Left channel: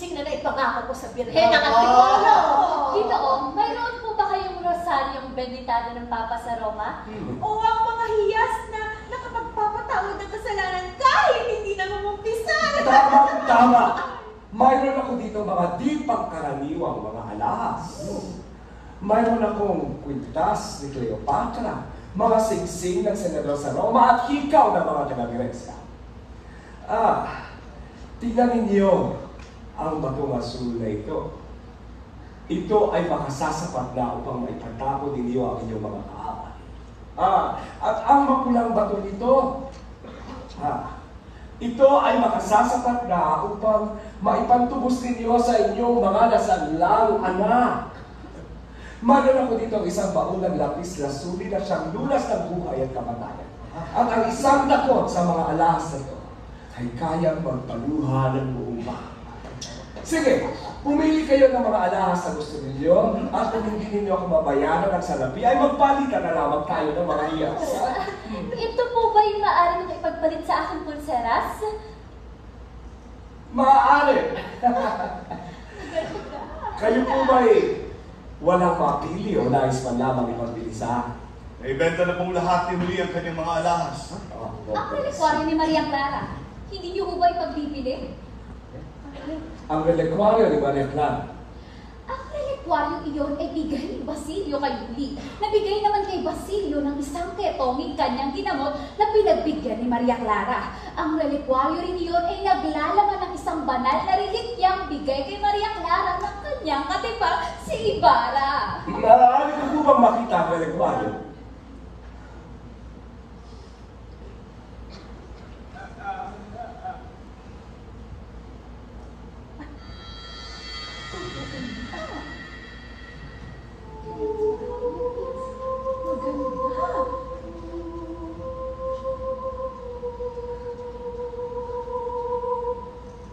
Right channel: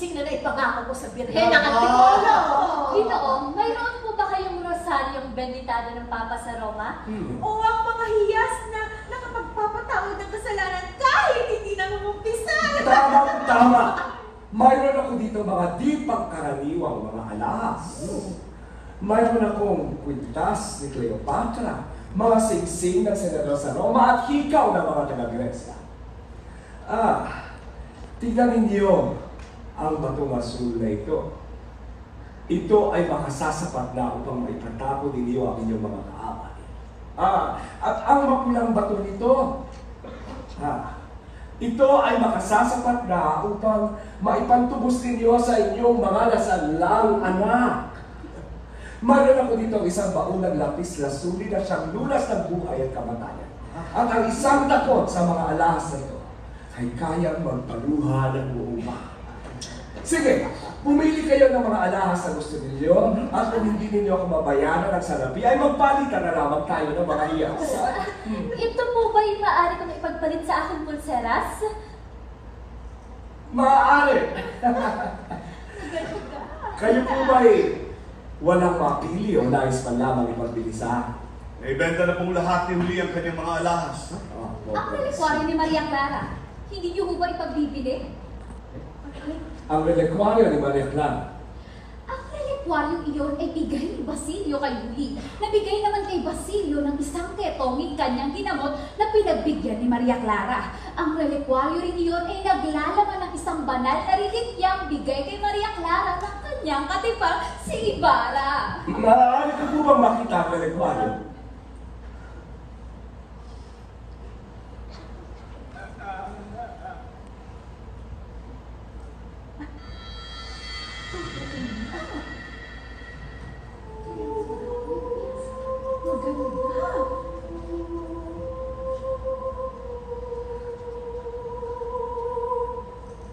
singsing na naipangako ko sa Birhen ng Antipolo. Ginoong, mayroon po ba kayong rosaryong benitado ng Papa sa Roma? O ang mga hiyas na nakapagpapatawad ng kasalanan kahit hindi na mumumpisan? Tama! Mayroon ako dito mga di pangkaraniwang mga alahas. Mayroon akong kwintas ni Cleopatra, mga singsing ng senador sa Roma at hikaw ng mga kinagresya. Tingnan ninyo ang batong asul na ito. Ito ay makasasapat na upang maipatapon ninyo ang inyong mga kaaway. At ang mapulang bato nito, ito ay makasasapat na upang maipantubos ninyo sa inyong mga nasanlang anak. Mayroon ako dito ang isang baon ng lapis lasuli na siyang lunas ng buhay at kamatayan. At ang isang dakot sa mga alahas na ito ay kayang magpaluha ng buong bahay. Sige, pumili kayo ng mga alahas na gusto ninyo at kung hindi ninyo ako mabayaran ang salapi ay magpalitan na lamang tayo ng mga iyas. Ito po ba yung maaari kong ipagpalit sa aking pulseras? Maaari! Kayo po ba'y walang mapili o nais man lamang ipagbili sa akin? May benta na pong lahat ni Huli ang kanyang mga alahas. Ang relikwaryo ni Maria Clara, hindi niyo po ba ipagbibili? Ang relikwaryo ni Maria Clara. Ang relikwaryo iyon ay bigay ni Basilio kay Huli. Nabigay naman kay Basilio ng isang ketong kanyang ginamot na pinagbigyan ni Maria Clara. Ang relikwaryo rin iyon ay naglalaman ng isang banal na relikyang bigay kay Maria Clara ng kanyang katipa si Ibarra. Maaari ko po bang makita ang relikwaryo?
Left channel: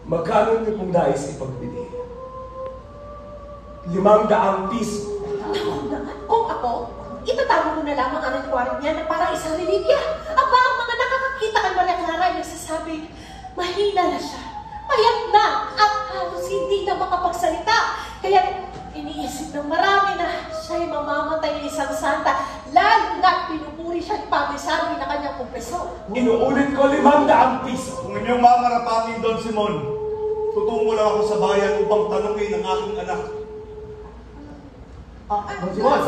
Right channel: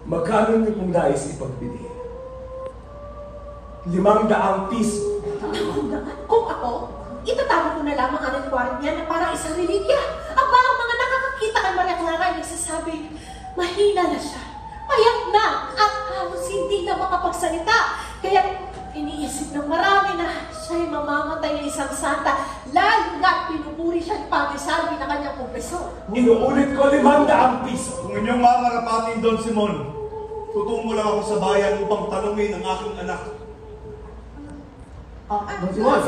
Magkano niyo pong nais ipagbili? 500 piso. Kung ako, itatama ko na lamang ang relikwaryo niya na parang isang relikya. Ang mga nakakakita kay Maria Clara ay nagsasabi, mahina na siya, payat na, at halos hindi na makapagsalita. Kaya iniisip ng marami na siya'y mamamatay ng isang santa, lalo na pinupuri siya at pag-isabi na kanyang kompesor. Inuulit ko 500 piso. Kung inyong mamarapatin, Don Simon, tutungo lang ako sa bayan upang tanungin ang aking anak. Don Simon!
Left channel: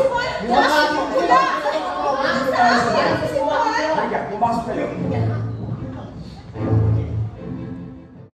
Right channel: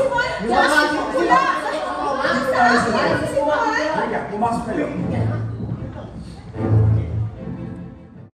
Pumasok kayo.